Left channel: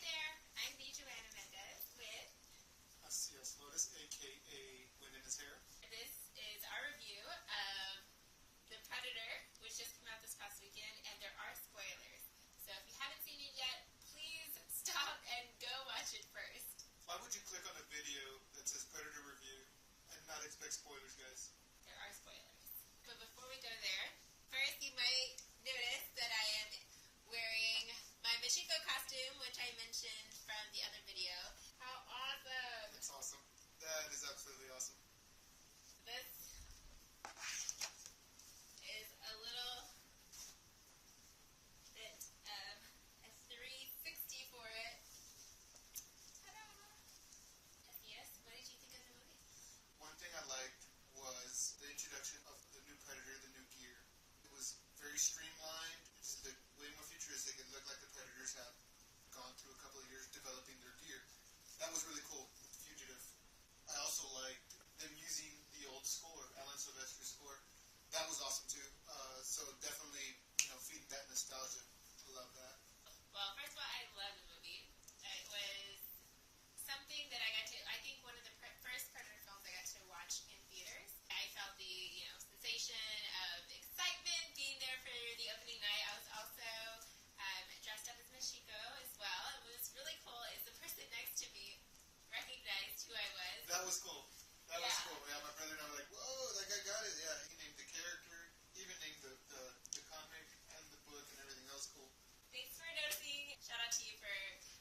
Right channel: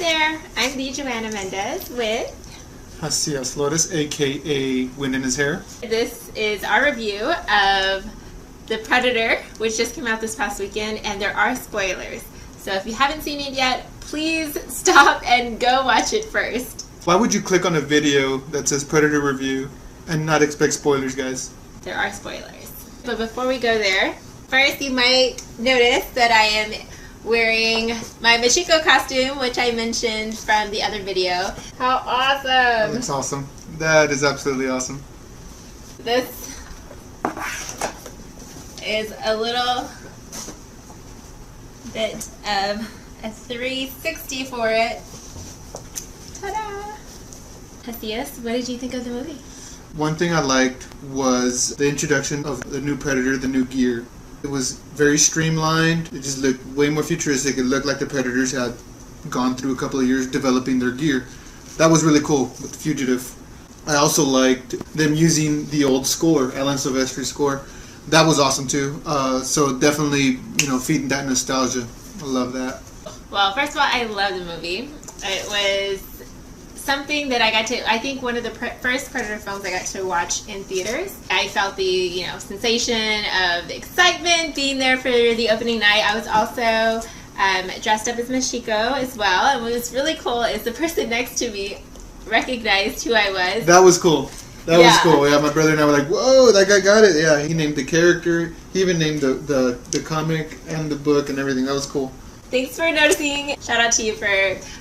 there, I'm the Joanna Mendez with Jazzias Lotus, aka Wind in His Hair. This is our review of The Predator, which just came out this past weekend, and there are spoilers. So if you haven't seen it yet, please stop and go watch it first. Why would you click on a video that says Predator review and not expect spoilers, guys? There are spoilers. But before we go there, first you might notice that I am wearing my Machiko costume, which I mentioned from the other video. How awesome! That's awesome. That is absolutely awesome. This is a little bit of a 360 for it. Ta-da! Jazzias, what did you think of the movie? One thing I liked was the introduction of the new Predator, the new gear. It was very streamlined. It just looked way more futuristic. It looked like the Predators had gone through a couple of years developing their gear. That was really cool with Fugitive. I also liked them using the old score, Alan Silvestri's score. That was awesome too. So definitely, feeding that nostalgia. I love that. Well, first of all, I love the movie. It was something that I think one of the first Predator films I got to watch in theaters. I felt the, sensation of the excitement being there for the opening night. I was also dressed up as Machiko as well, and what was really cool is the person next to me recognized who I was. That was cool. That was cool. Yeah, my brother and I were like, whoa, that guy got it. Yeah, he named the character. He even named the comic and the book and everything. That was cool. Thanks for noticing. Shout out to you for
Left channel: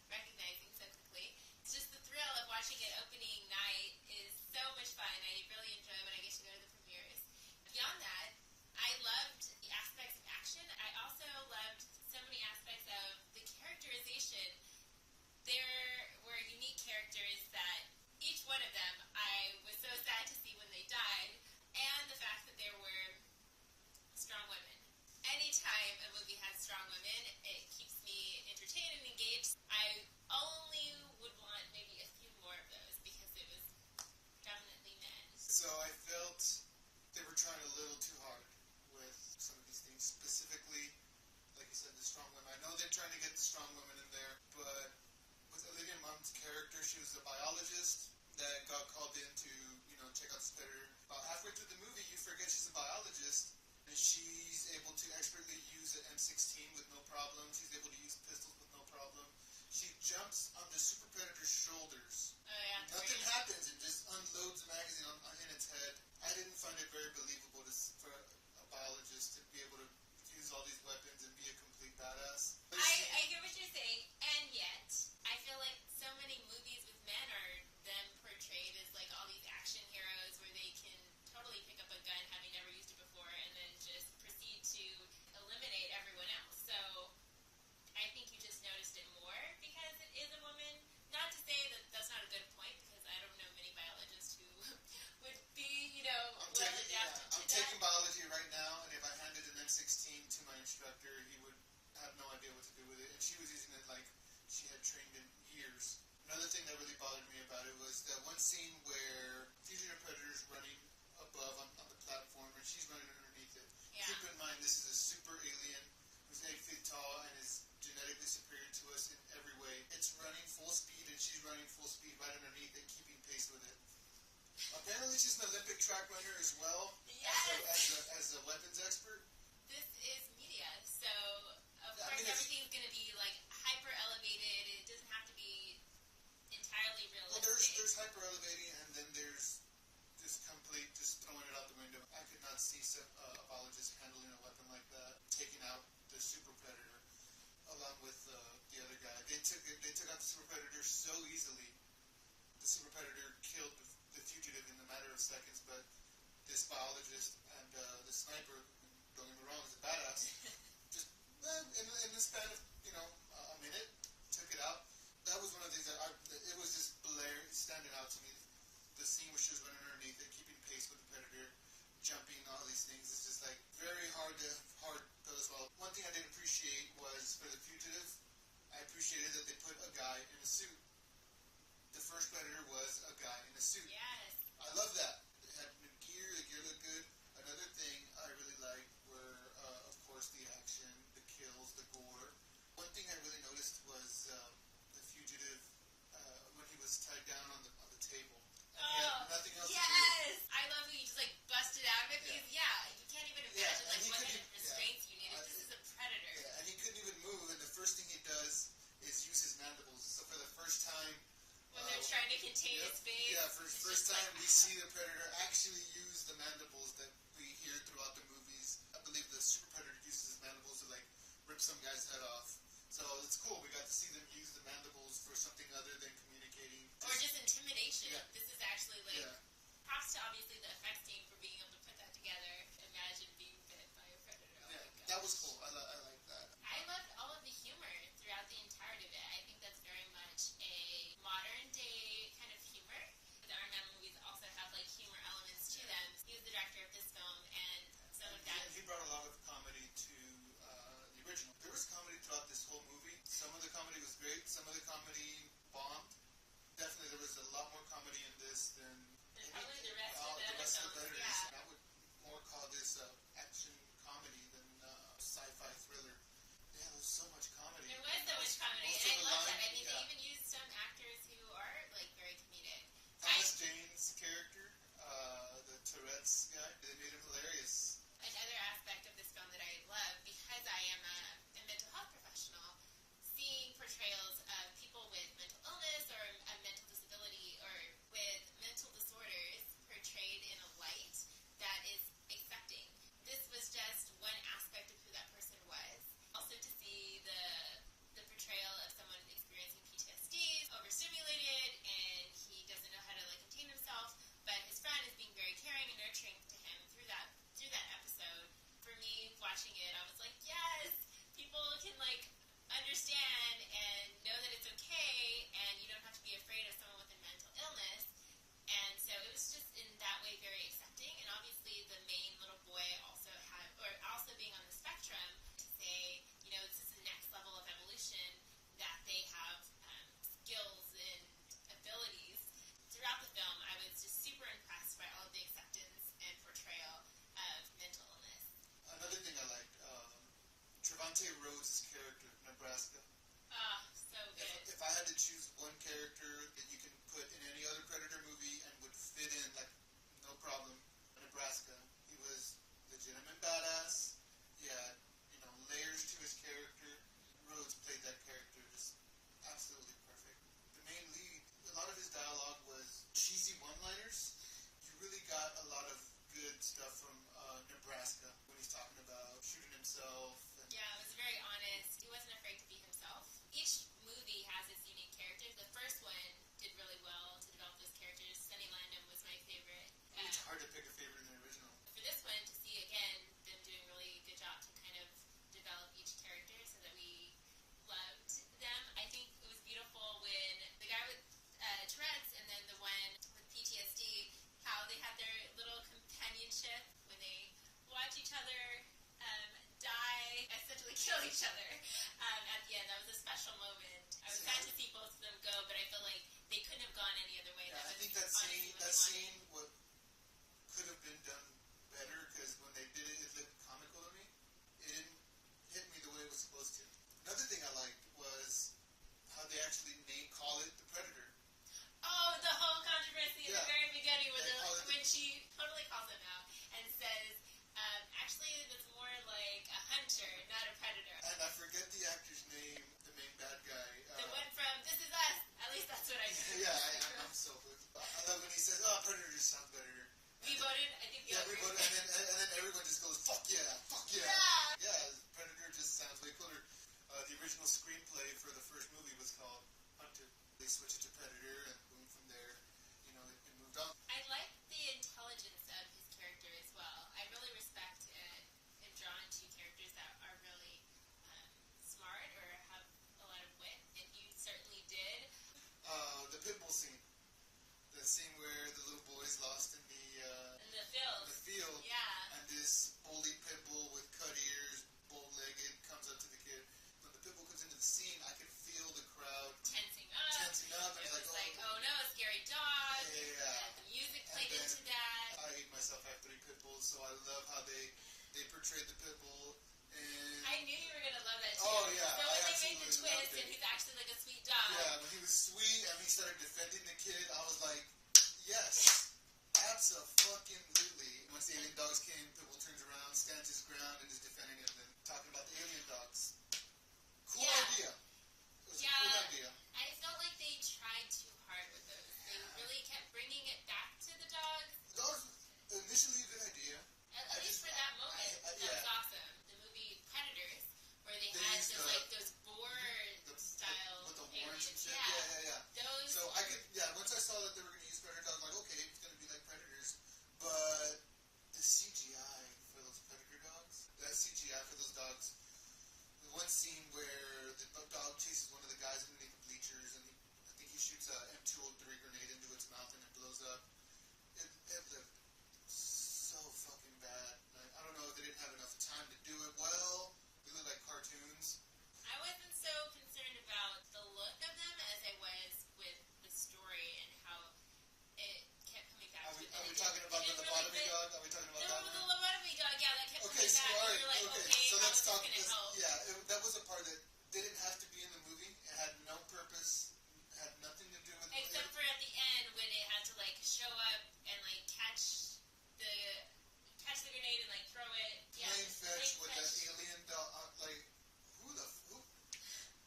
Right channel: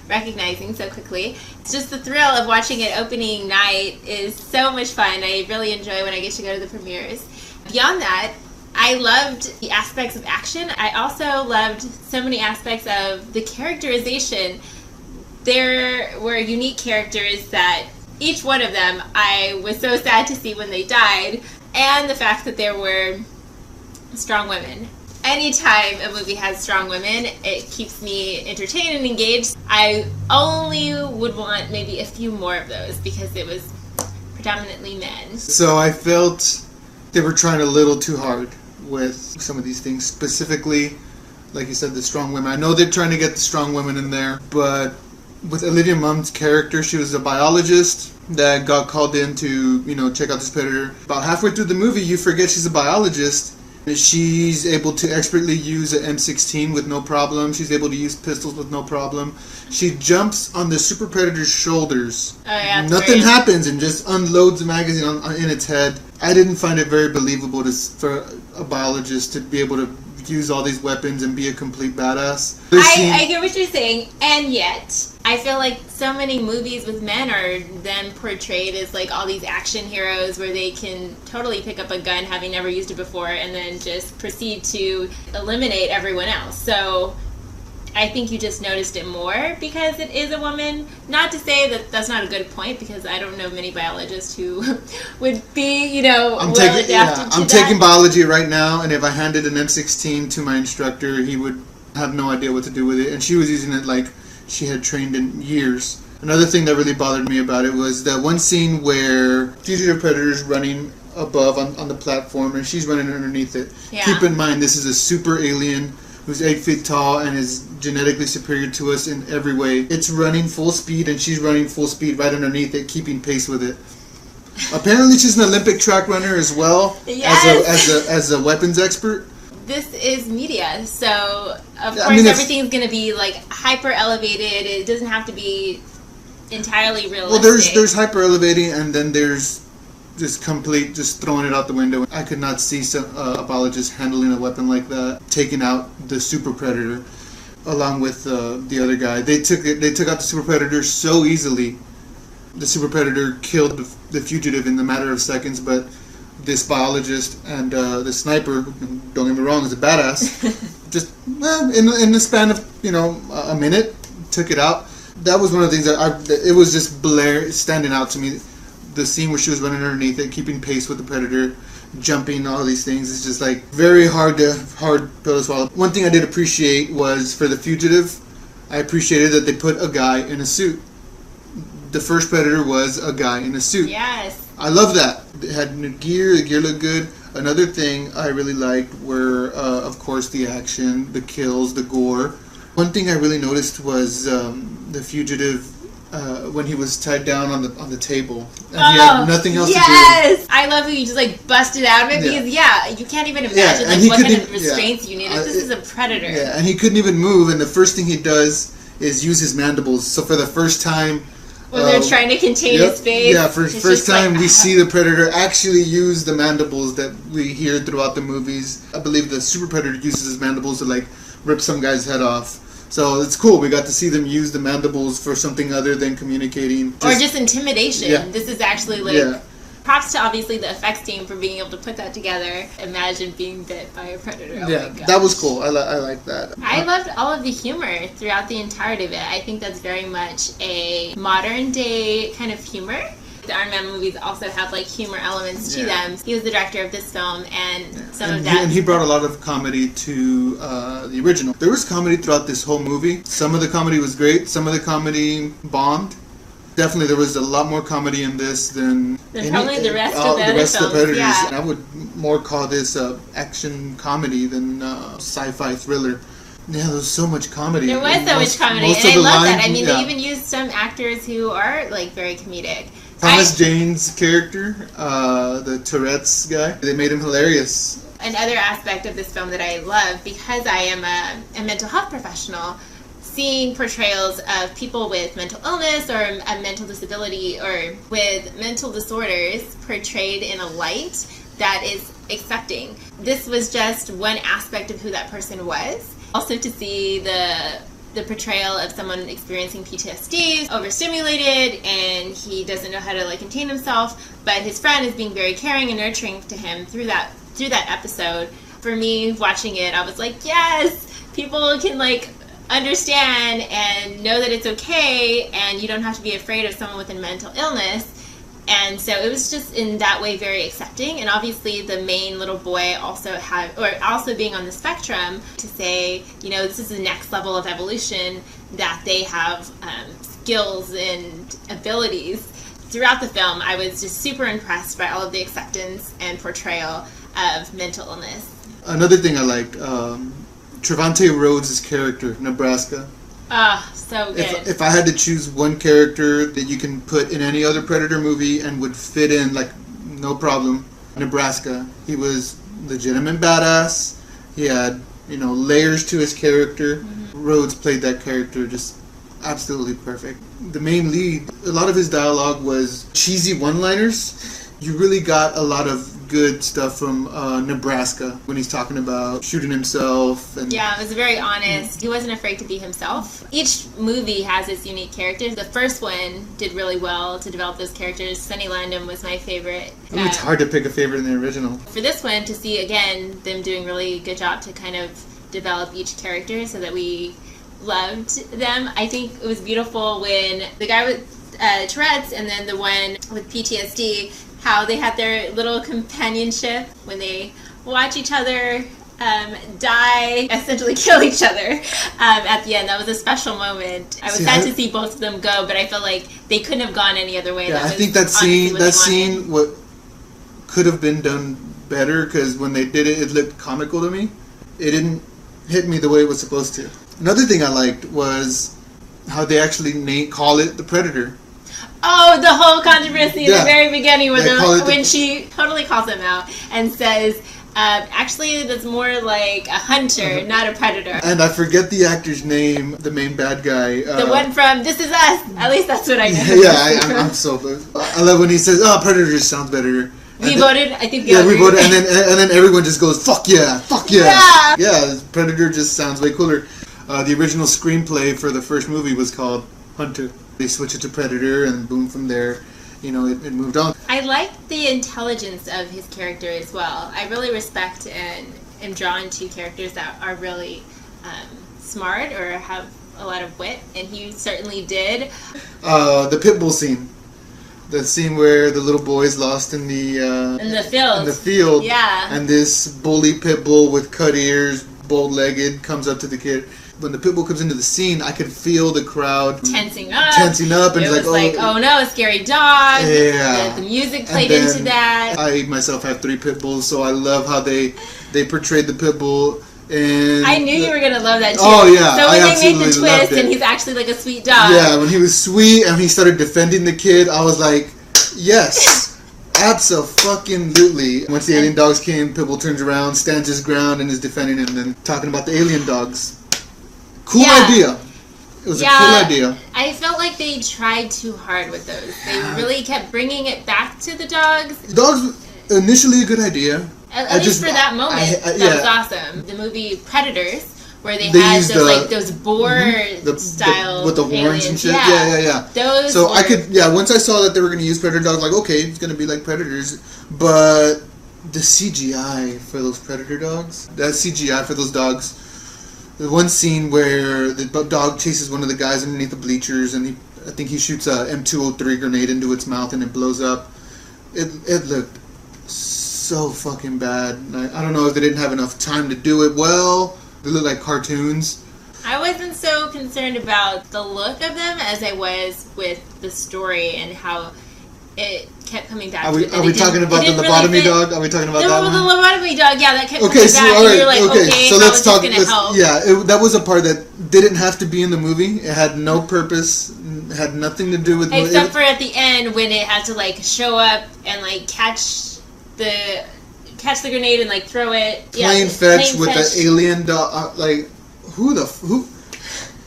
recognizing so quickly. It's just the thrill of watching it opening night is so much fun. I really enjoy when I get to go to the premieres. Beyond that, I loved the aspects of action. I also loved so many aspects of the characterization. There were unique characters that each one of them I was so sad to see when they died, and the fact that there were strong women. Anytime a movie has strong women, it keeps me entertained and engaged. I only would want maybe a few more of those because it was predominantly men. So I felt they were trying a little too hard with some of these things. Specifically, like you said, the strong women. I know they're trying to get the strong women in there, but with Olivia Munn's character, she was a biologist that got called in to, check out this predator. About halfway through the movie, you forget she's a biologist. She's able to expertly use an M16 with no problem. She's able to use pistols with no problem. She jumps on the super predator's shoulders. Oh, yeah, nothing happens and just unloads the magazine in its head. I didn't find it very believable for a biologist to be able to use all these weapons and be a complete badass. I get what you're saying, and yet I feel like so many movies with men are then portrayed as like all these action heroes where they can totally pick up a gun having never used it before and then just proceed to eliminate everyone else. So I think you just noticed it more because it is a woman. Not to say that that's not a good point, because I don't know many biologists who would be, I'm taking biology right now, and if I handed an M16 to my instructor, he would have no idea what to do with it. And she was using it like she had trained in years. Another thing that really bothered me about it was that one scene where Fugitive Predator's running above on the platform, and she's running underneath it. Yeah. Keep in mind, this is a super alien who's 8 feet tall and is genetically superior to us in every way. It's running full speed, and she's running full speed right underneath it, keeping pace with it. Apparently she's an Olympic track runner as well, yes. as a weapons expert. This is media, so of course everything's going to be like hyper elevated. It doesn't have to be entirely realistic. Well, there's hyper elevating, and then there's just throwing it out the window. I could not see a biologist handling a weapon like that, taking out the super predator, along with the other guy. They took out the super predator so easily. The super predator killed the fugitive in a matter of seconds, but this biologist and the sniper, don't get me wrong, is a badass. Just in the span of a minute, took it out. That was one of the things that it was just standing out to me. The scene where she was running underneath it, keeping pace with the predator, jumping, all these things. It's just like very hard pill to swallow. One thing I did appreciate was for the fugitive, I appreciated that they put a guy in a suit. The first predator was a guy in a suit. Yes. I love that. It had new gear. The gear looked good. Another thing I really liked were, of course, the action, the kills, the gore. One thing I really noticed was the fugitive when he was tied down on the table and he had nothing else to do. Yes! I love how you just like busted out of it because you can't even imagine what kind of restraints you need. This is a predator. Yeah, and he couldn't even move, and the first thing he does is use his mandibles. So for the first time, when they're trying to contain his face. Yeah, first time we see the predator actually use the mandibles that we hear throughout the movies. I believe the super predator uses his mandibles to like rip some guy's head off. So it's cool. We got to see them use the mandibles for something other than communicating. Or just intimidation. Yeah. This is actually like... Yeah. Props to obviously the effects team for being able to put that together. Imagine being bit by a predator. Oh yeah, that was cool. I like that. I loved all of the humor throughout the entirety of it. I think that's very much a modern day kind of humor. The Iron Man movies also have like humor elements to them. He was the director of this film, and some of that. And he brought a lot of comedy to the original. There was comedy throughout this whole movie. Some of the comedy was great. Some of the comedy bombed. Definitely, there was a lot more comedy in this than probably the rest of the Predators. Yeah. And I would more call this action comedy than sci-fi thriller. Yeah, there was so much comedy. There was so much comedy, and I love that. I mean, they even used some actors who are like very comedic. Thomas Jane's character, the Tourette's guy, they made him hilarious. Another aspect of this film that I love, because I am a mental health professional, seeing portrayals of people with mental illness or a mental disability or with mental disorders portrayed in a light that is accepting. This was just one aspect of who that person was. Also to see the portrayal of someone experiencing PTSD, overstimulated, and he doesn't know how to like contain himself, but his friend is being very caring and nurturing to him through that episode. For me, watching it, I was like, yes, people can like understand and know that it's okay, and you don't have to be afraid of someone with a mental illness. And so it was just in that way very accepting. And obviously the main little boy also being on the spectrum, to say, you know, this is the next level of evolution, that they have skills and abilities. Throughout the film, I was just super impressed by all of the acceptance and portrayal of mental illness. Another thing I liked, Trevante Rhodes' character, Nebraska. So good. If I had to choose one character that you can put in any other Predator movie and would fit in, like, no problem, Nebraska. He was legitimate badass. He had, you know, layers to his character. Mm-hmm. Rhodes played that character just absolutely perfect. The main lead, a lot of his dialogue was cheesy one-liners. You really got a lot of good stuff from Nebraska when he's talking about shooting himself. And yeah, it was very honest. He wasn't afraid to be himself. Each movie has its unique characters. The first one did really well to develop those characters. Sonny Landham was my favorite. It's hard to pick a favorite in the original. For this one, to see, again, them doing really good job to kind of develop each character so that we loved them. I think it was beautiful when the guy with Tourette's and then the one with PTSD, how they had their little companionship when they watch each other die, essentially kill each other at the end. That was a special moment. I was sad to see both of them go, but I felt like they couldn't have gone any other way. Yeah, I think that scene what could have been done better, because when they did it, it looked comical to me. It didn't hit me the way it was supposed to. Another thing I liked was how they actually call it the Predator. Oh, the whole controversy in the very beginning when she totally calls him out and says, actually, that's more like a hunter, not a predator. And I forget the actor's name, the main bad guy. The one from This Is Us. At least that's what I know. Yeah, I'm so good. I love when he says, "Oh, Predator just sounds better." We voted, I think. Yeah, we voted, and then everyone just goes, "Fuck yeah, fuck yeah." Yeah, Predator just sounds way cooler. The original screenplay for the first movie was called Hunter. They switched it to Predator, and boom, from there, you know, it moved on. I like the intelligence of his character as well. I really respect and am drawn to characters that are really smart or have a lot of wit, and he certainly did. The pit bull scene. The scene where the little boy's lost in the field. In the field. Yeah. And this bully pit bull with cut ears, bold-legged, comes up to the kid. When the pit bull comes into the scene, I could feel the crowd tensing up, and it was like, oh no, a scary dog. Yeah. The music played into that. I myself have 3 pit bulls, so I love how they portrayed the pit bull And I knew you were gonna love that too. Oh yeah, So when I they made the absolutely loved twist it. and he's actually like a sweet dog. Yeah, when he was sweet and he started defending the kid, I was like, yes, abso-fucking-lutely. Once the alien dogs came, Pitbull turns around, stands his ground, and is defending him, and talking about the alien dogs. Cool idea. It was a cool idea. I felt like they tried too hard with those. They really kept bringing it back to the dogs. Dogs, initially a good idea. At least for that moment, that was awesome. The movie Predators, where they had those those boar style with the horns aliens. and shit. Yeah. Yeah. Those. So once I saw that they were going to use Predator dogs, like, okay, it's going to be like Predators, but the CGI for those Predator dogs, that CGI for those dogs. The one scene where the dog chases one of the guys underneath the bleachers, and I think he shoots a M203 grenade into its mouth, and it blows up. It looked so fucking bad. I don't know if they didn't have enough time to do it well. They look like cartoons. I wasn't so concerned about the look of them as I was with the story and how it kept coming back. Are we talking about the lobotomy dog? Are we talking about that one? The lobotomy dog, yeah, that kept coming back. All right, and you're like, okay, so let's talk. Help? Yeah, that was a part that didn't have to be in the movie. It had no purpose. It had nothing to do with. Except for at the end when it had to like show up and like catch the grenade and like throw it. Playing fetch with the alien dog. Like who?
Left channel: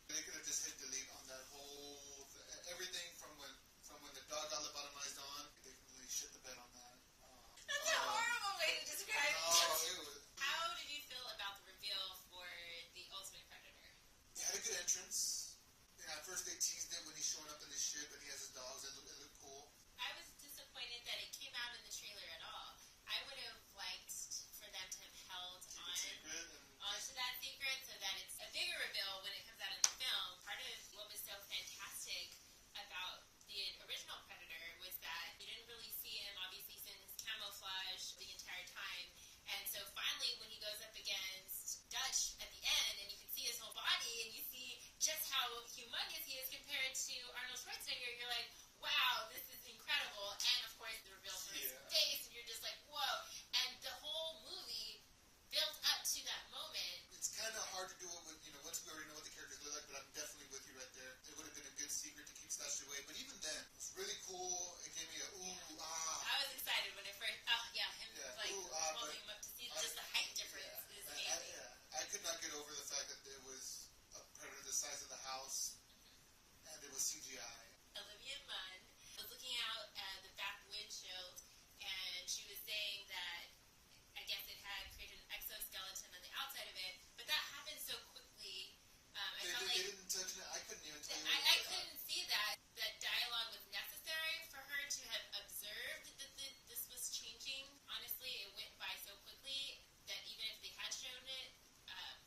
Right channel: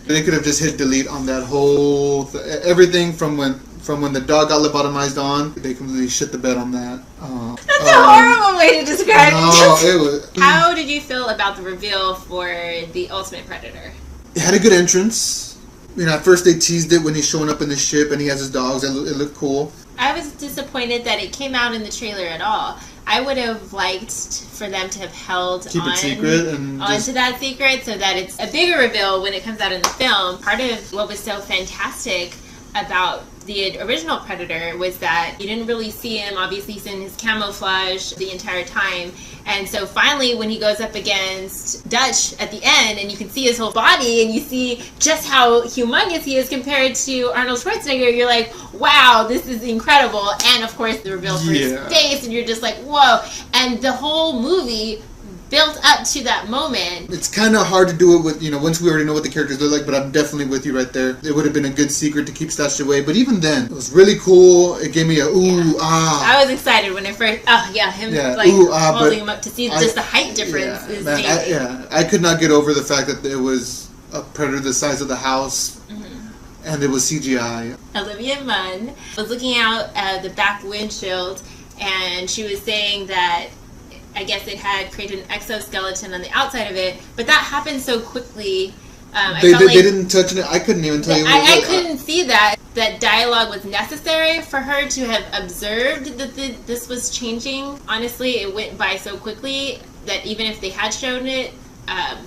They could have just hit delete on that whole everything from when the dog got lobotomized on. They completely shit the bed on that. That's a horrible way to describe it. It was. How did you feel about the reveal for the Ultimate Predator? It had a good entrance. You know, at first they teased it when he's showing up in the ship and he has his dogs. It looked cool. I was disappointed that it came out in the trailer at all. I would have liked for them to have held Keep it secret and onto that secret so that it's a bigger reveal when it comes out in the film. Part of what was so fantastic about the original Predator was that you didn't really see him. Obviously, he's in his camouflage the entire time. And so finally, when he goes up against Dutch at the end, and you can see his whole body, and you see just how humongous he is compared to Arnold Schwarzenegger, you're like, wow, this is incredible. And of course, the reveal for his face, and you're just like, whoa. And the whole movie built up to that moment. It's kind of hard to do it with, once we already know what the characters look like, but I'm definitely with you right there. It would have been a good secret to keep stashed away, but even then, it was really cool. It gave me a I was excited when it first, holding him up to see just the height difference is amazing. I could not get over the fact that it was a predator the size of the house, and it was CGI. Olivia Munn was looking out the back windshield, and she was saying that I guess it had created an exoskeleton on the outside of it, but that happened so quickly. They didn't touch it. I couldn't even tell you. I couldn't see that dialogue was necessary for her to have observed that this was changing. Honestly, it went by so quickly that even if they had shown it,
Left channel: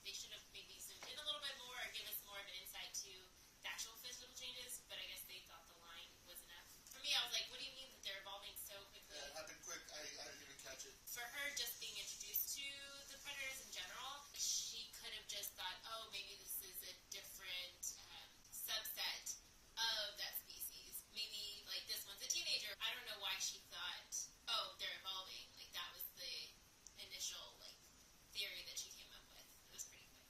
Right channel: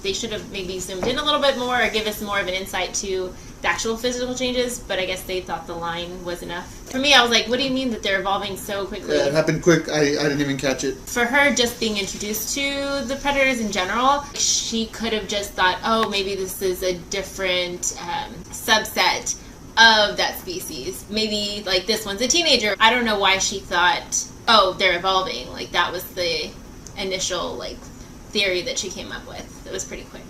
they should have maybe zoomed in a little bit more or give us more of an insight to the actual physical changes, but I guess they thought the line was enough. For me, I was like, what do you mean that they're evolving so quickly? Yeah, it happened quick. I didn't even catch it. For her just being introduced to the predators in general, she could have just thought, oh, maybe this is a different subset of that species. Maybe, like, this one's a teenager. I don't know why she thought, oh, they're evolving. Like, that was the initial, like, theory that she came up with. It was pretty quick.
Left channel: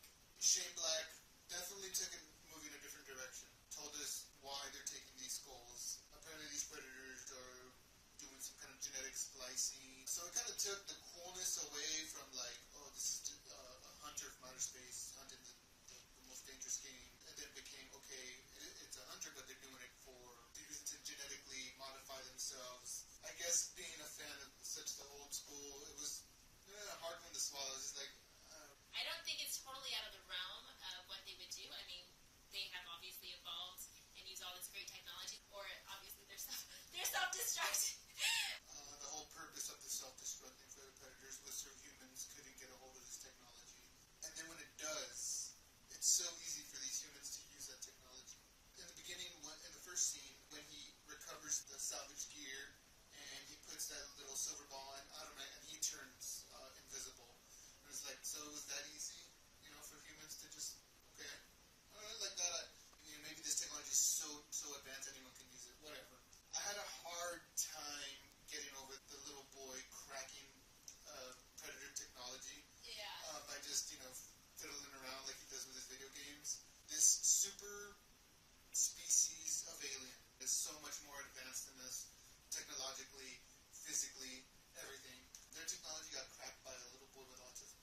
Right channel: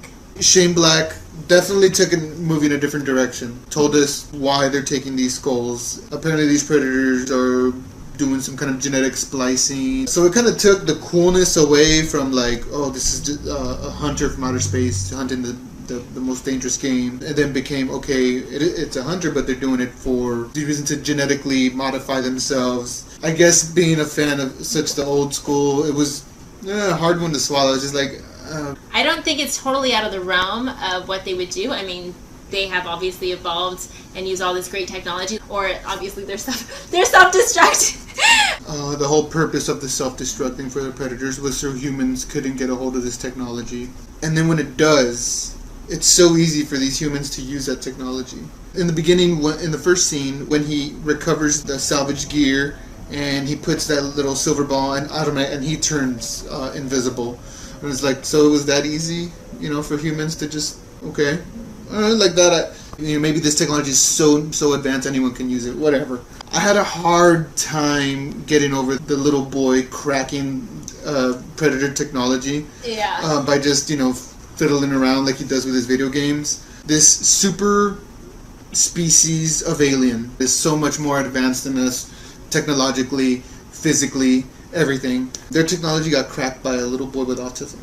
Shane Black definitely took a movie in a different direction. Told us why they're taking these skulls. Apparently these predators are doing some kind of genetic splicing. So it kind of took the coolness away from like, oh, this is just a hunter from outer space hunting the most dangerous game. And then became, okay, it's a hunter, but they're doing it for the reason to genetically modify themselves. I guess being a fan of such the old school, it was a hard one to swallow. It's just like, I don't think it's totally out of the realm of what they would do. I mean, they have obviously evolved and use all this great technology, or obviously they're self-destruct. The whole purpose of the self-destructing for the predators was so humans couldn't get a hold of this technology. And then when it does, it's so easy for these humans to use that technology. In the beginning, in the first scene, when he recovers the salvage gear and he puts that little silver ball and he turns invisible. And it's like, so it was that easy, for humans to just, okay, like that. Maybe this technology is so advanced anyone can use it, whatever. I had a hard time getting over the little boy cracking predator technology. Yeah. By just, fiddling around like he does with his video games. This super species of alien is so much more advanced than us, technologically, physically, everything. Their technology got cracked by a little boy with autism.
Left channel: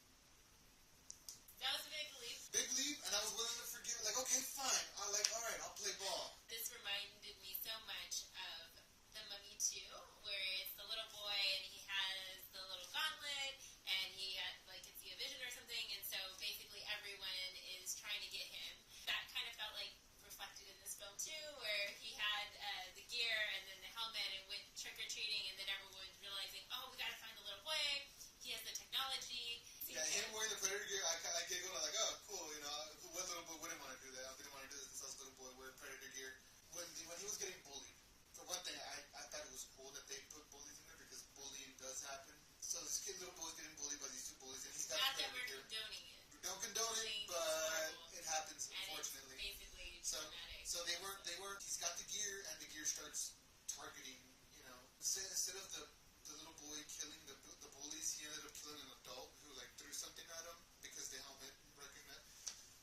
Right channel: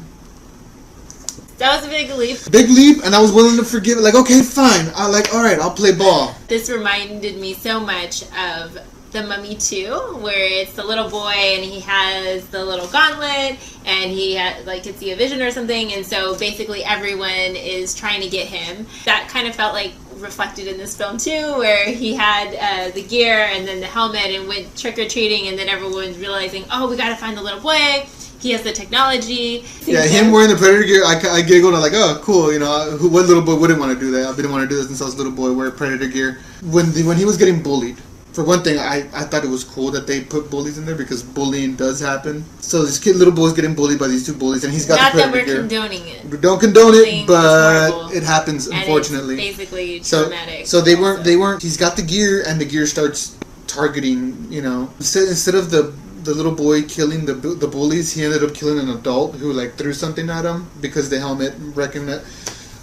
That was a big leap. Big leap, and I was willing to forgive it. Like, okay, fine. Alright, I'll play ball. This reminded me so much of The Mummy 2, where it's the little boy and he has the little gauntlet and he can see a vision or something, and so basically everyone is trying to get him. That kind of felt like reflected in this film too, where he had the gear and then the helmet and went trick-or-treating, and then everyone's realizing, oh, we gotta find the little boy. He has the technology. Yeah, him wearing the Predator gear, I giggled. I'm like, oh, cool. You know, what little boy wouldn't want to do that? I didn't want to do this since I was a little boy, wear Predator gear. When he was getting bullied, for one thing, I thought it was cool that they put bullies in there because bullying does happen. So this little boy's getting bullied by these two bullies, and he's got the Predator gear. Not that we're condoning it. We don't condone it, but it happens, unfortunately. And it's basically traumatic. So they weren't. He's got the gear, and the gear starts targeting. You know, instead of the little boy killing the bullies, he ended up killing an adult who threw something at him because the helmet recognized.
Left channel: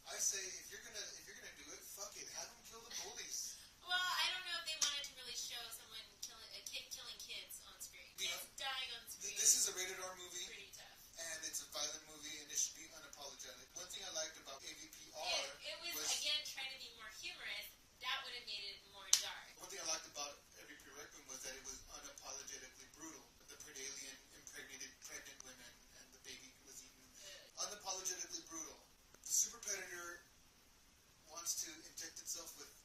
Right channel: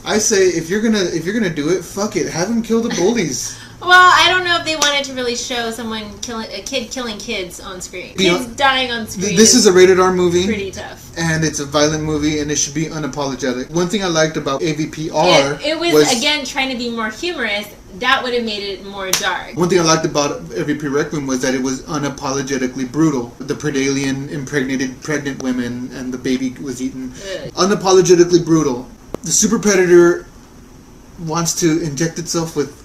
I say if you're gonna do it, fuck it, have him kill the bullies. Well, I don't know if they wanted to really show a kid killing kids on screen. Kids dying on screen. This is a rated R movie. Pretty tough. And it's a violent movie, and it should be unapologetic. One thing I liked about AVPR it was again trying to be more humorous. That would have made it more dark. One thing I liked about AVP Requiem was that it was unapologetically brutal. The Predalien impregnated pregnant women, and the baby was eaten. Unapologetically brutal. The Super Predator wants to inject itself with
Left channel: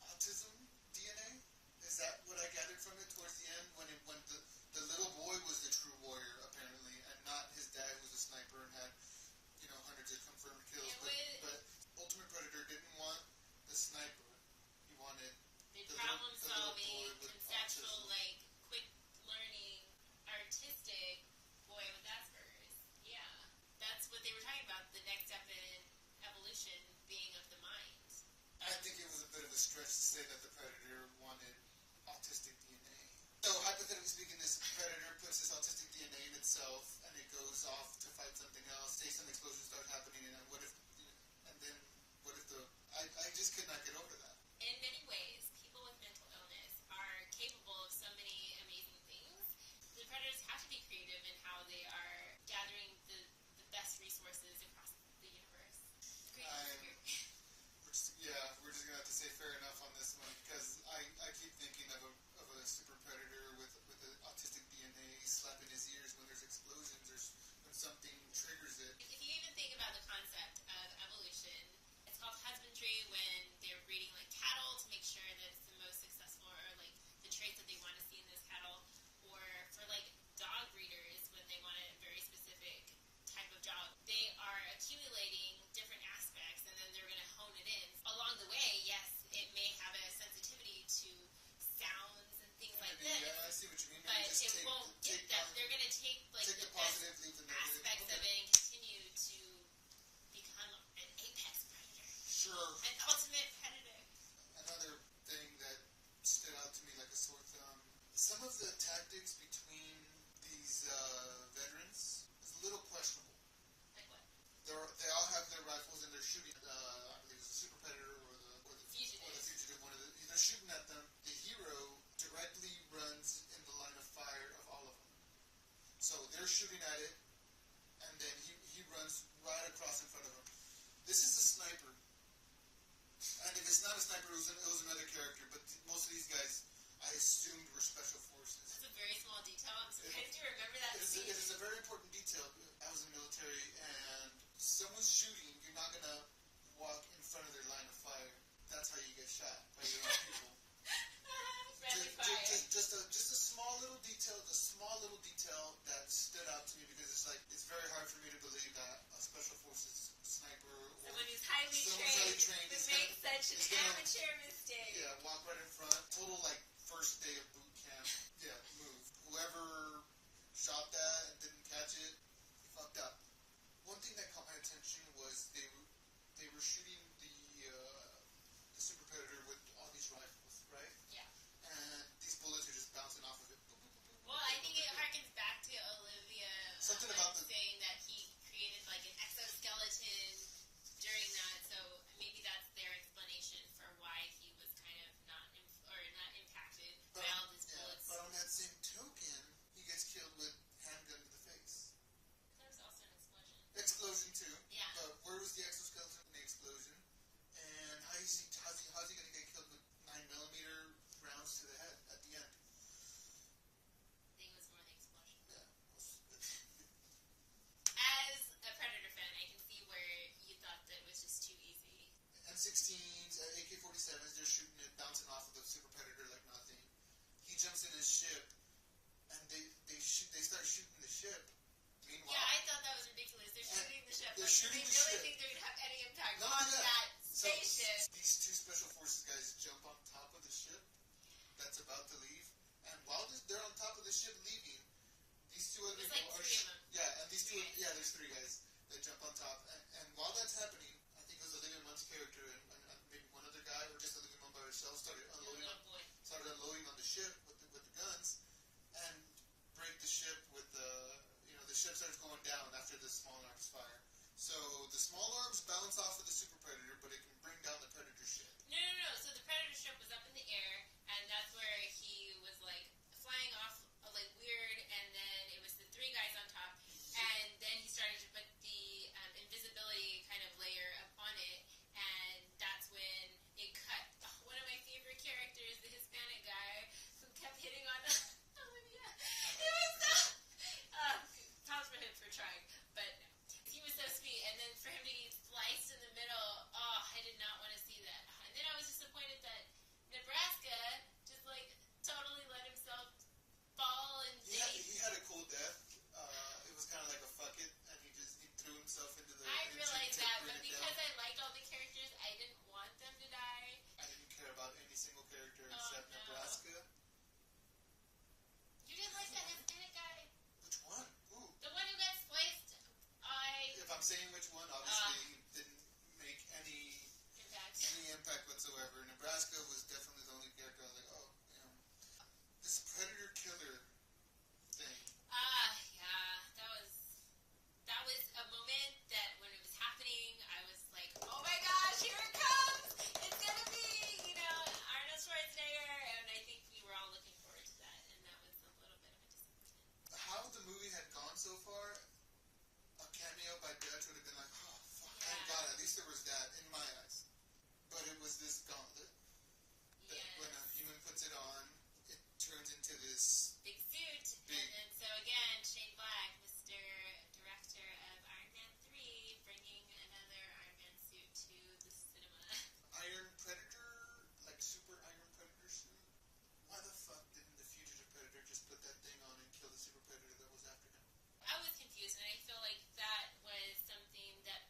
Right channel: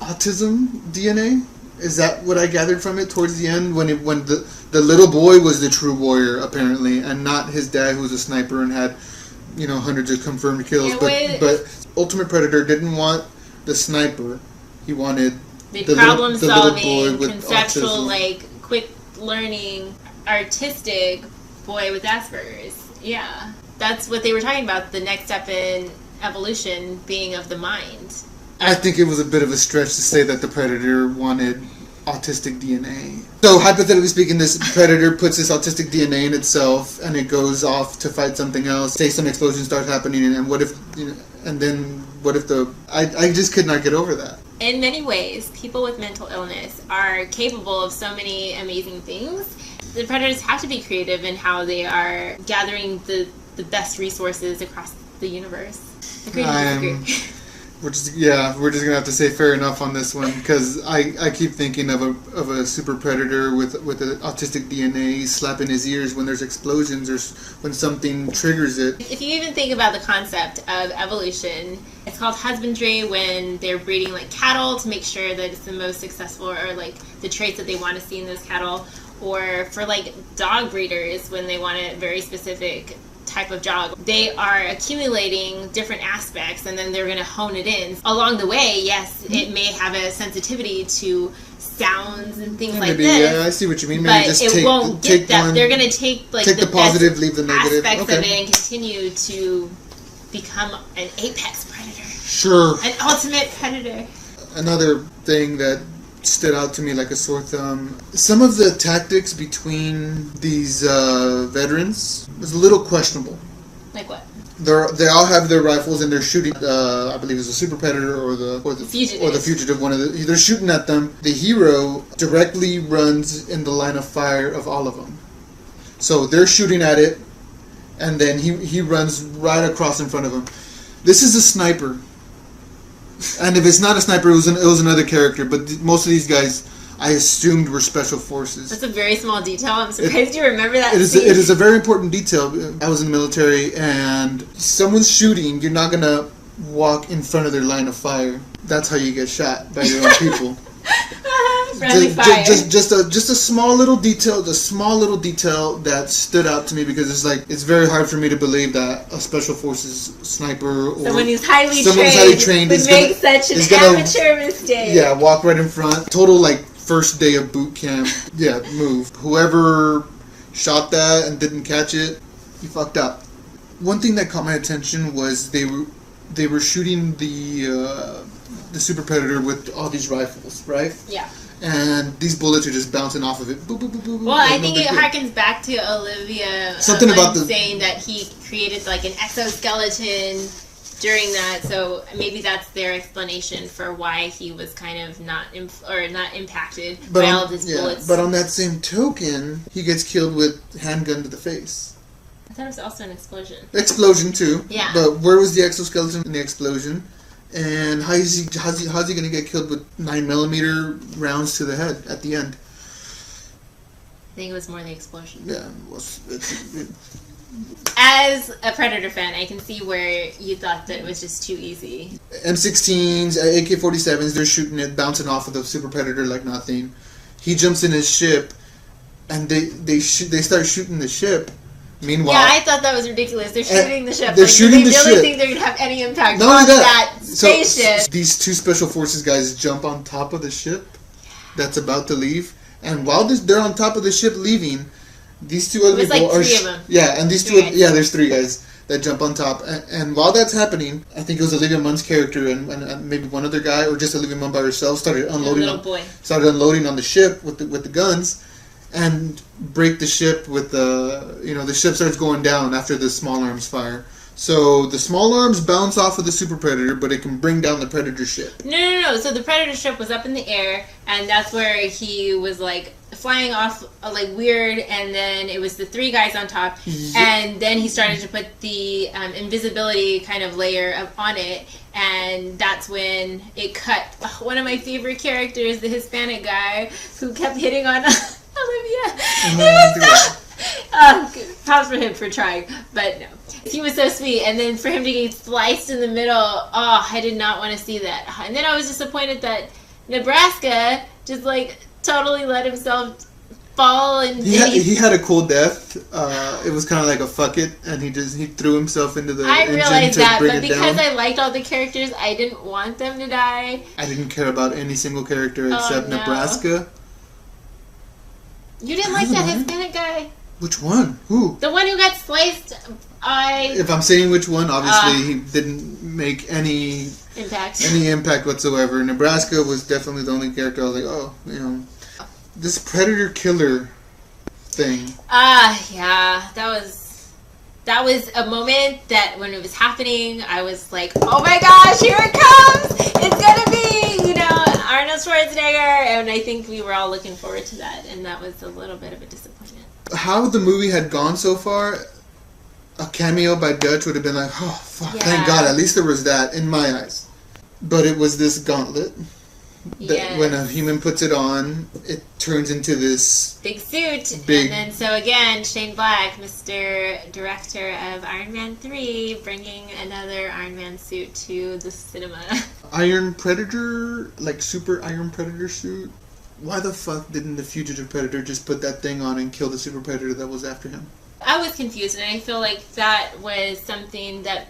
autism DNA. Is that what I gathered from it towards the end, when the little boy was the true warrior apparently, and not his dad who was a sniper and had hundreds of confirmed kills. But Ultimate Predator didn't want the sniper. He wanted the problem solving, boy with conceptual, autism. Quick learning, artistic boy with Asperger's. Yeah, that's what they were talking about. The next step in evolution being of the mind. I think it was a bit of a stretch to say that the Predator wanted autistic DNA. So hypothetically speaking, this Predator puts this autistic DNA in itself, and it goes off to fight something else. Say some explosion starts happening, and what if I just could not get over that. In many ways, people with mental illness are capable of so many amazing things. The Predators have to be creative in how they are gathering the best resources across the universe. Agree to disagree. We're just gonna have to say fair enough on this one, because I keep thinking of a super predator with an autistic DNA slapping his ears when there's explosions or when something triggers it. If you even think about the concept of evolution, it's called husbandry when they're breeding cattle to make sure that it's the most successful, or the traits that they want to see in those cattle, or for dog breeders when they want a very specific type of dog. They are accumulating different aspects, and then they're going to hone it in. Along the way, yes, it may have a sensitivity to sounds and things like this. Yeah, I see what you mean. Maybe but it won't get that. They're going to take the positive, leave the negative aspects of it, and continue to become an apex predator. Sure. An ultimate predator. Another thing that stood out to me like a sore thumb. Some of the tactics between these veterans was a little questionable. Like what? They all have their rifles and they're shooting. I believe it's a super predator or the fugitive. They're shooting at them. The hero directly runs in the line of fire of all of them. So they're shooting at it, and then he runs right across in front of them. This is a sniper. And if it's not a sniper, it was another character. But most of these guys, I assumed, were special forces. That's a very small detail. I'm surprised you remember that. It is a very important detail. I was in the military, and someone's shooting. You're not gonna walk in front of their line of fire. That's how you get shot, by your own people. Friendly fire. Just a small little detail, that stood out to me, because it's very hard for me to believe that a special forces sniper or someone who's highly trained would make such an amateur mistake. Yeah, walk right in front. Total first day of boot camp. Yeah, move. Whoever shot that and didn't catch it, he fucked up. One thing that caught my attention was they were shooting the super predator with all these rifles, right? Yeah. and these bullets are just bouncing off of it. Boop, boop, boop, boop, Well, like I think it no big deal. harkens back to Olivia Something about saying that he created like an exoskeleton during that, so maybe that's their explanation for why he was kind of not impacted by all of his bullets. But on that same token, he gets killed with handgun to the face. I thought it was also an explosion. Explosion too. Yeah. But where was the exoskeleton in the explosion? And how's he gonna get killed with 9mm rounds to the head at the end? I think it was more the explosion. Yeah. As a Predator fan, I can see where you thought that it was just too easy. M16s, AK-47s, they're shooting it, bouncing off of the Super Predator like nothing. He jumps in his ship, and they start shooting the ship. Meanwhile, yeah, I thought that was ridiculous. They're shooting the ship. They're shooting the ship. They ship. really think they're gonna have any impact Not on only that spaceship. So these two special forces guys jump on top of the ship that's about to leave, and while they're on top of the ship leaving, these two other people are three of them. Yeah, and these there's three guys that jump on top, and while that's happening, I think it was Olivia Munn's character and maybe one other guy, or just Olivia Munn by herself, started unloading on the ship with the guns, and break the ship with the ship starts going down after the small arms fire. So the small arms bounce off of the Super Predator, but it can bring down the Predator ship. No. So the Predator ship was up in the air, and that's where he was like flying off like weird, and then it was the three guys on top, and then he started to put the invisibility kind of layer on it, and that's when it cut. One of my favorite characters, the Hispanic guy who kept hitting on Olivia. Props for him for trying, but no. He was so sweet, and then for him to get sliced in the middle, I did not want to see that. And then I was disappointed that Nebraska just like totally let himself fall, and he had a cool death. It was kind of like a fuck it, and he threw himself into the engine realized to that, bring but it because down. I liked all the characters, I didn't want them to die. I didn't care about any single character except Nebraska. You didn't like that Hispanic guy? Which one? Who? The one who got sliced. If I'm saying which one, obviously he didn't make any impact whatsoever. Nebraska was definitely the only character I was like, this Predator killer thing. Yeah, that was a moment that when it was happening, I was like, oh my gosh, here it comes! It's gonna be, Arnold Schwarzenegger, and I think we were all looking forward to that, and that was a little bit of a disappointment. How the movie had gone so far, a cameo by Dutch would have been like, oh, fuck, thank God, at least there was that, in my eyes. But it was this gauntlet that when a human puts it on, it turns into this big suit. And then, so again, Shane Black, Mr. Director of Iron Man 3, bringing another Iron Man suit to the cinema. Iron Predator, like Super Iron Predator suit? Why the fuck didn't the Fugitive Predator just put that thing on and kill the Super Predator that was after him? I was confused, and I feel like that was something that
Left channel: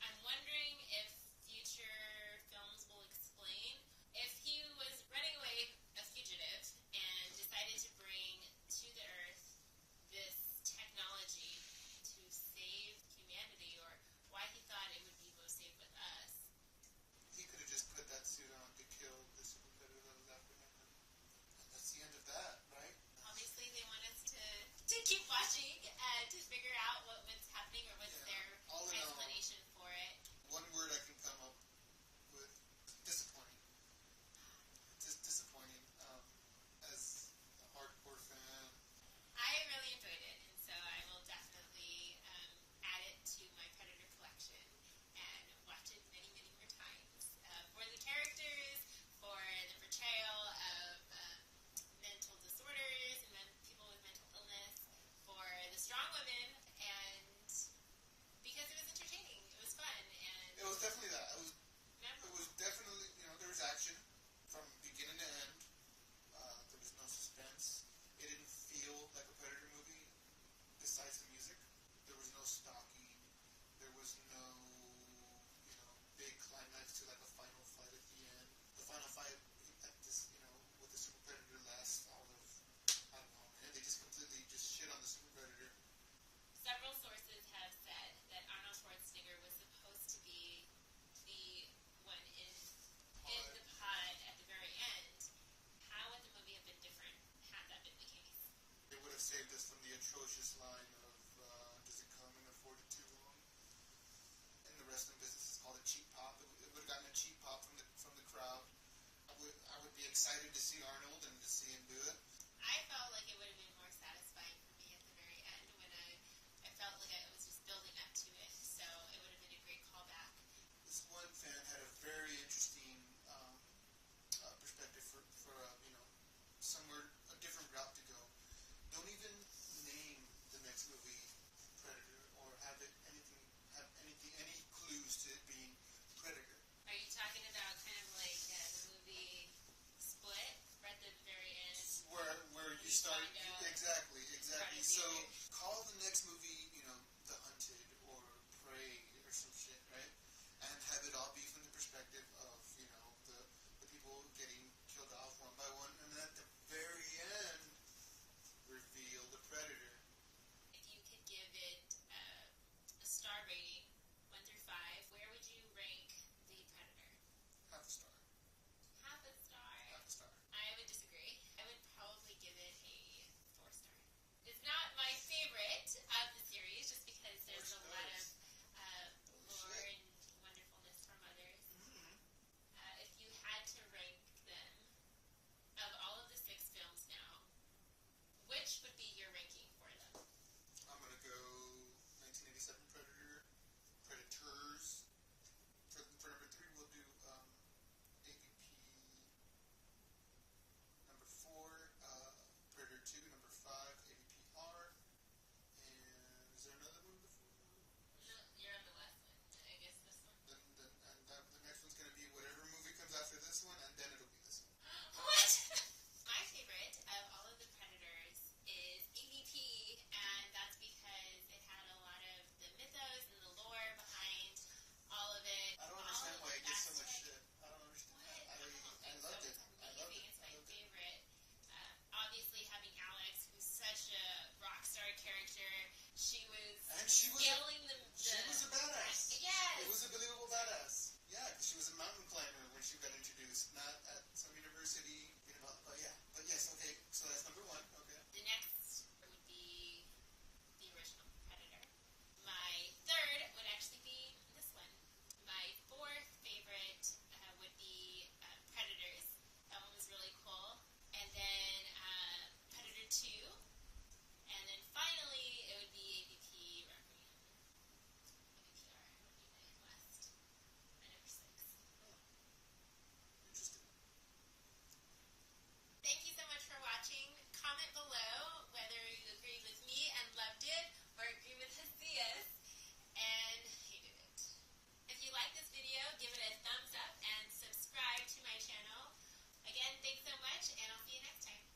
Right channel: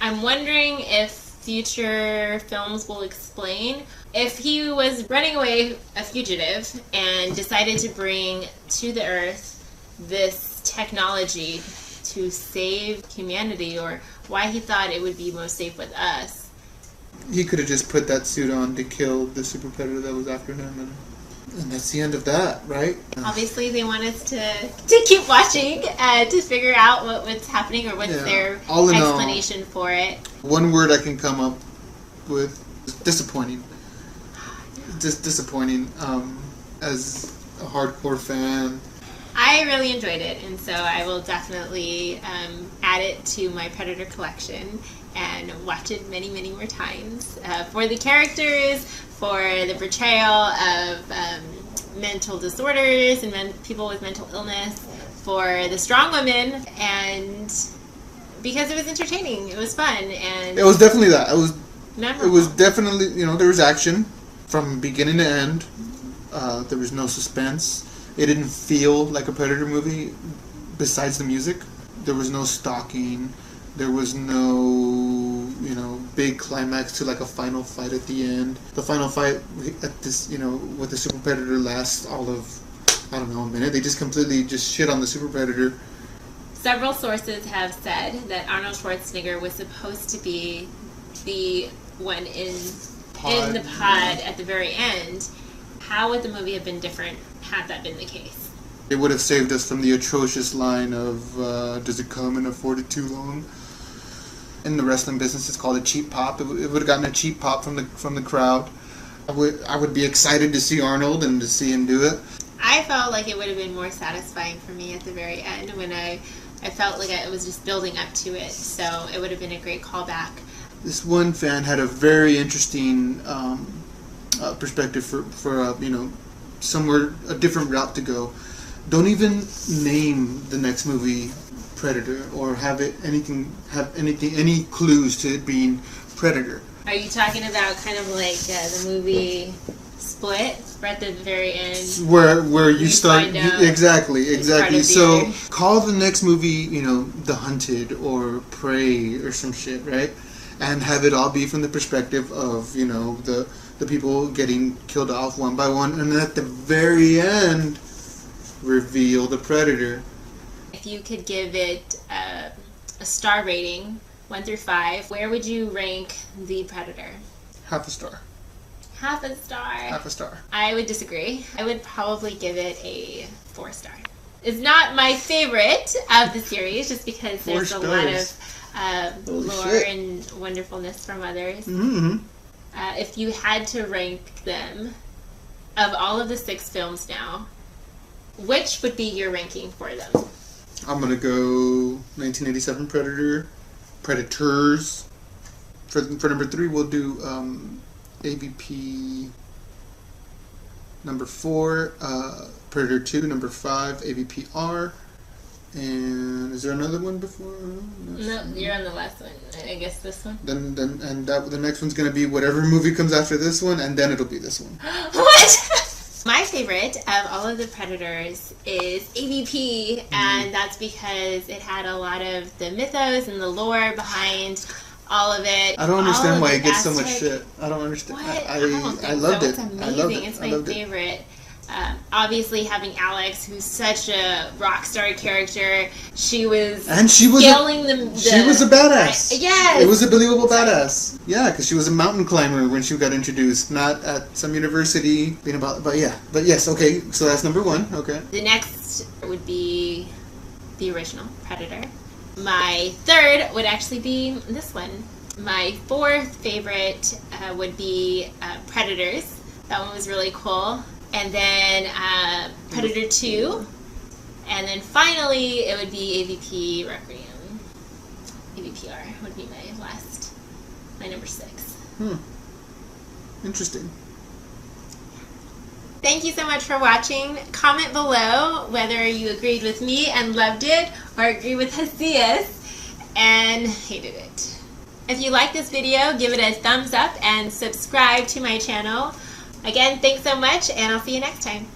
I'm wondering if future films will explain. If he was running away, a fugitive, and decided to bring to the Earth this technology to save humanity, or why he thought it would be most safe with us. He could have just put that suit on to kill the Super Predator that was after him, and that's the end of that, right? Obviously, they want us to keep watching and to figure out what's happening or what's their explanation for it. One word I can come up with is disappointing. Just disappointing. As a hardcore fan, I really enjoyed it, and so I will definitely add it to my Predator collection and watch it many, many more times for the characters, for the portrayal of mental disorders and people with mental illness, for the strong women, and because it was entertaining, it was fun, and it was definitely that. memorable. It was definitely, there was action from beginning to end. There was no suspense. It didn't feel like a Predator movie. Besides the music, there was no stalking. There was no, big climax to like a final fight at the end. The final fight at this, with the Super Predator lasts all of, a minute. They just completely shit on the Super Predator. Several sources have said that Arnold Schwarzenegger was supposed to be the one in the pod at the very end. How would the movie have been different had that been the case? It would have saved us from the atrocious line of, does it come in a 42 long? In the wrestling business, it's called a cheap pop. It would have gotten a cheap pop from the crowd. I would be excited to see Arnold and to see him do it. I felt like it would have been more satisfying for me at the very end when I felt like I was just building up to it. So it would have been a great callback. This one fan had a very interesting perspective for somewhere a different route to go. Don't even name the next movie Predator or have any clues to it being Predator. Are you talking about kind of like the movie Split, right at the very end? Where you start exactly. So Earth. Call the next movie, The Hunted or Prey or some shit, right? And have it all be from the perspective of the people getting killed off one by one, and then at the very end, reveal the Predator. If you could give it a star rating, 1 through 5, where would you rank the Predator? Half a star. Half a star. Half a star. I would disagree. I would probably give it a 4 star. It's not my favorite of the series, just because there's a lot of lore and wonderfulness from others. Mm-hmm. If you had to rank them, of all of the 6 films now, which would be your ranking for them? I'm gonna go 1987 Predators. For number 3, we'll do AVP. Number 4, Predator 2. Number 5, AVP-R. And is there another one before? No, you're on the last one. I guess this one. The next one's gonna be whatever movie comes after this one, and then it'll be this one. What? My favorite of all of the Predators is AVP, and that's because it had a lot of the mythos and the lore behind all of it. I don't understand why it gets so much shit. I don't understand. What? I It's loved it. amazing. I loved it. It's my favorite. Obviously, having Alex, who's such a rock star character, she was scaling she was a badass. Yes, it was a believable badass. Yeah, because she was a mountain climber when she got introduced, not at some university. But yes, okay. So that's number 1. Okay. The next would be the original Predator. My 3rd would actually be this one. My 4th favorite would be Predators. That one was really cool. And then Predator 2. And then finally, it would be AVP Requiem. AVPR would be my number 6. Interesting. Thank you so much for watching. Comment below whether you agreed with me and loved it, or agree with Jazzias and hated it. If you like this video, give it a thumbs up and subscribe to my channel. Again, thanks so much, and I'll see you next time.